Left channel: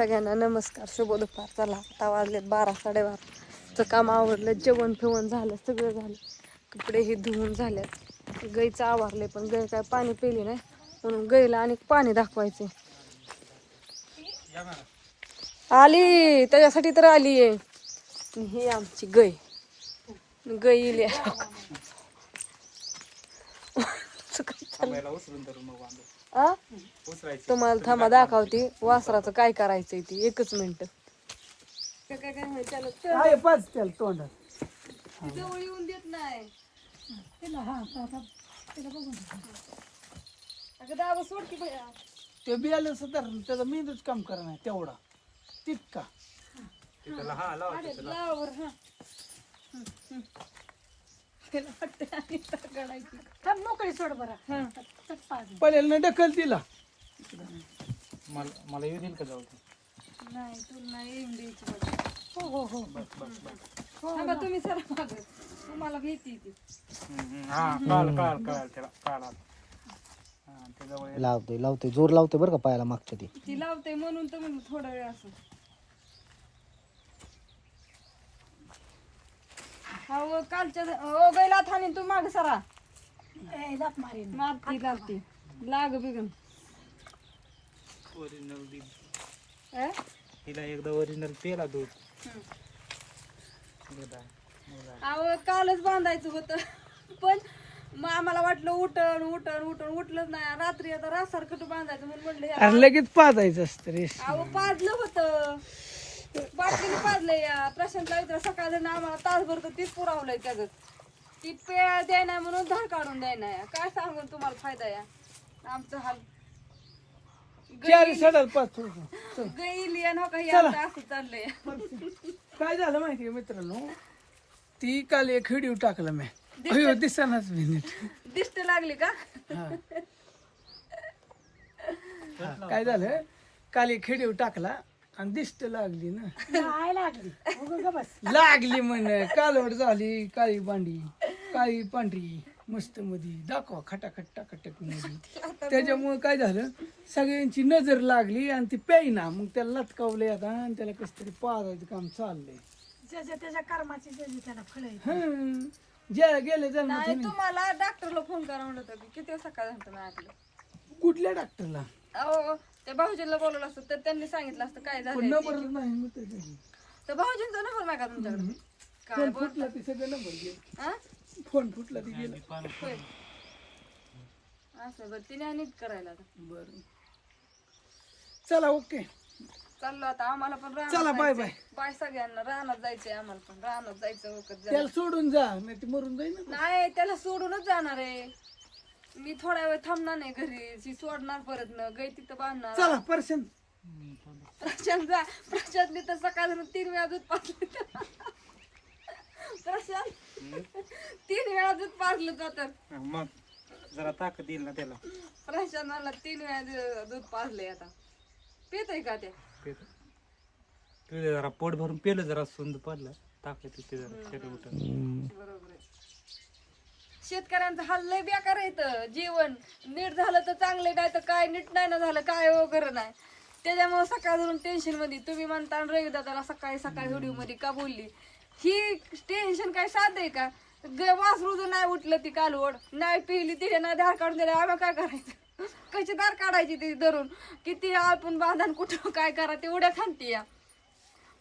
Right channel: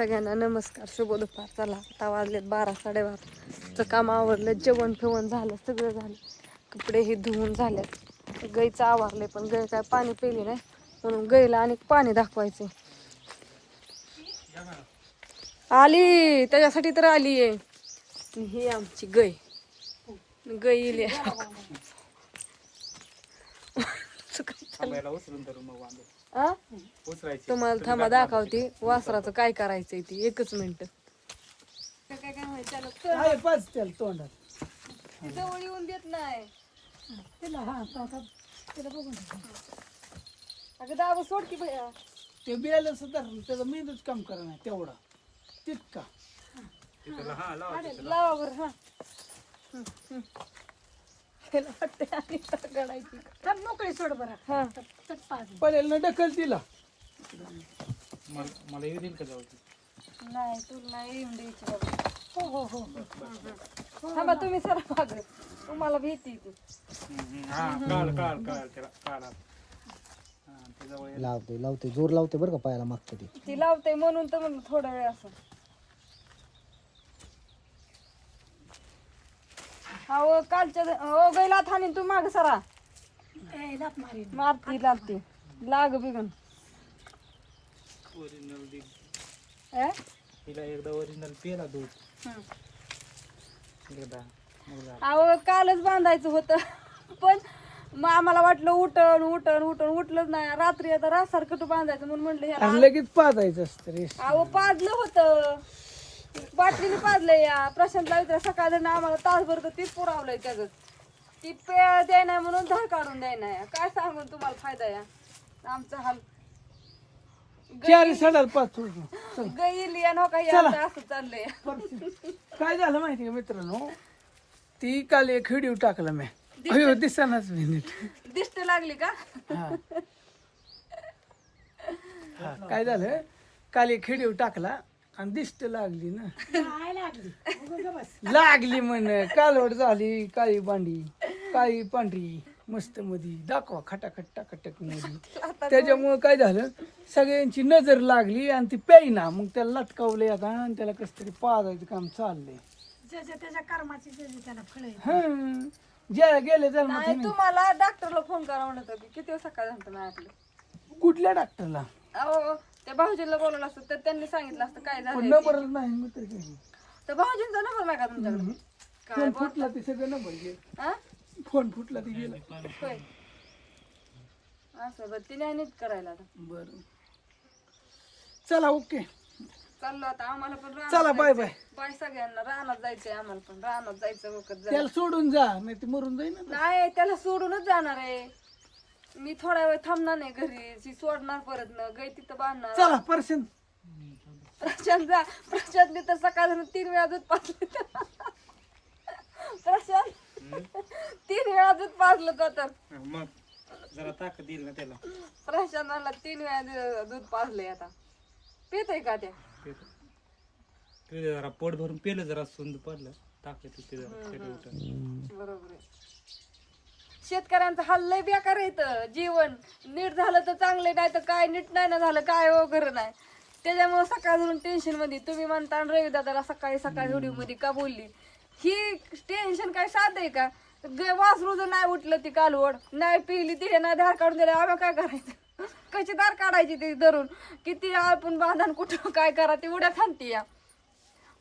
सगळ्यांना नमस्कार, शुभ दुपार. चला आता वाजलेत 12 12:30. काम आवरलं, जेवण फिवण झालं, सगळं झालं. कपडे हे धुवून झाल्यात. गाईचं आवरले पण गाय काय पाणी पिली नाही, म्हणून गाईला आणि पाणी दाखवायचे. आली त्याच्यासाठी तर आली आहे. ही आमची गाय गाई तुम्हाला थांबा दाखवते वासराचं काय करायचंय ती. 1 मिनिट. जवळ येऊन देत नाही अगं दाबा सोड की भैया. ते बियालं सुद्धा त्याचा मेंदूच काम करणार तेवढा तितका लावा बरं. हा मोकळी सोड बरं. पहिल्याला ढकल दिला मला येऊ देईल का जाऊ नाही तुला येऊन द्यायची. हो हो हो थांबा तुम्ही सर मागे, तुम्हाला भीती ती. लावते जोर लावते बरं का पायाला मागतं ती लावते म्हणून तर म्हणलं थोडा वेळ असं. हो कालच्या गैला थानी तू माग सरा मारती लागते लाग बिगन. तिला एकदा ओरिजिनल तेला दूध अहो कालच बांधायचं होतं पण आम्हाला वाटलं उठलंच नाही. रात्री आता रासारखं बांधायचं म्हणून म्हटलं लगेच पाजायचं असतं रे. अहो पाजलं होतं, बाटलीने पाजलंय. या प्रशांतला विचार सकाळ आम्हाला तासभर तर तीच पुरावलंय त्याच. ती पेळ द्याय नाही म्हणून धार काढून द्याय नाही. काय सांगून तुम्हाला फायदा या आमचा हाल. गैली काही असं चाललंय. काय झालं माहिती का मित्रांनो, ती काल एक व्हिडिओ टाकला मी. अयो दिसनाच मिनिट दिष्ट लागली का? काय झालं, काल एक व्हिडिओ टाकला आणि दिष्ट लागली ना. लागली म्हण कालवड झाली, काळी बांडी काळी पांढरी मस्त मध्ये दाखवा खटाखट टाकटक मध्ये. त्याच्यामुळे काय झालं, सगळ्यांची नजर लागली आणि ती प्यायना. मग त्याला लटकावले आता आणि त्याला कस तरी पाजायचं काम चाललंय. त्याच्या कर्माची त्याला फळ ज्या गेले नाही. तुम्हाला डॉक्टरला फोन करा म्हणत होती. किती सकाळ झालं नाही ऐकलं. कुठल्या डॉक्टरला? अहो त्या भाऊजीला बोलवलं असतं तर त्यांनी सांगितलं असतं काय झालं. नंबर नाही मग त्याच्याशी. तर भाऊजींचा नंबर नाही का तुमच्याकडे? काय फोन फुटला ते सगळं नंबर गेले. फोन फुटला ते गेला. असं बरं तिने नीट करायला आता. बरं चला ओके चाललो आता. आम्हाला पण चला बाय बाय. बाय सगळ्यांना. रानात जायचंय आम्हाला पण. रानात जायचं वखत त्याला सोडून जा नाही ते मरून जाईल ना. नाही त्याला सोडूनच जाणार आहे मी. थोडा वेळ थांबणार नाही घरी. ती सोडणार परत न गाय तिथं बांधणार. चला पर्सन प्रशांत जा. प्रशांतने तर सकाळ 3 वेळा दूध पाजलं. प्रशांत 3 वेळा दूध पाजलं तर मग जरा ताकद येईल ना त्याला. प्रशांतला 3 वेळा दूध पाजलंय. आता पितोय का त्या? पिलं जरा पोट भरून पेलं जरा सुंद पडलं ताकद बरोबर आहे. शेतकऱ्यांचं हाल लय बेकार येत. जीवन नीट झालं तर चांगले, नाही तर काय नीट नाही ना झालं काय वगैरे नाही. त्याच्यामुळे सकाळ धरून टेन्शन मध्ये. तुम्ही म्हणता रवी दादाला सकाळी व्हिडिओ मध्ये का बोलली. ही टेन्शन काय साध आहे का? वासरू जर नाही उठलं ती कालवड नाही पिली तिथे नाही धार काढून दिला आम्ही काय करायचं? कशी धार काढायची ती धरून? किती आपण बांधण कुठं काय करा ती उड्या थांबती. या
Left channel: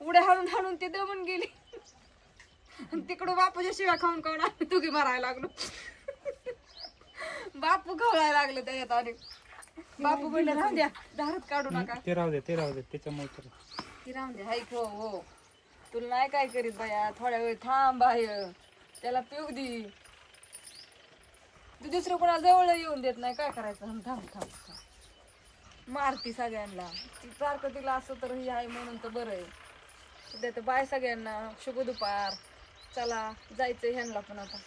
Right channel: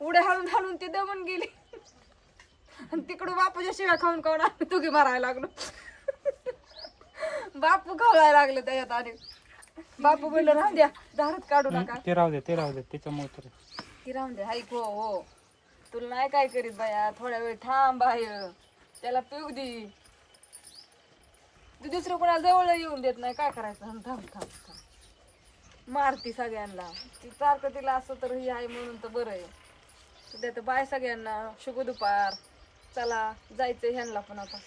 उड्या हाणून ती दमून गेली. तिकडून बापूच्या शिव्या खाऊन आम्ही तुगी मारायला लागलो. बापू खावायला लागले त्याच्यात. आणि बापू बोललं राहून द्या दारात काढू नका. ते राहू दे त्याच्यामुळे ती राहून द्या. ऐक हो तुला नाही काय करीत बाया. थोड्या वेळ थांब बाहेर त्याला पिऊ दे. तू दुसरं कोणाला जवळ येऊन देत नाही. काय करायचं? थांब थांब थांब मारती सगळ्यांना. ती सारखं तिला असं तर ही आहे म्हणून तर बरं आहे. सध्या तर बाय सगळ्यांना. शुभ दुपार. चला जायचं ह्यांना पण आता.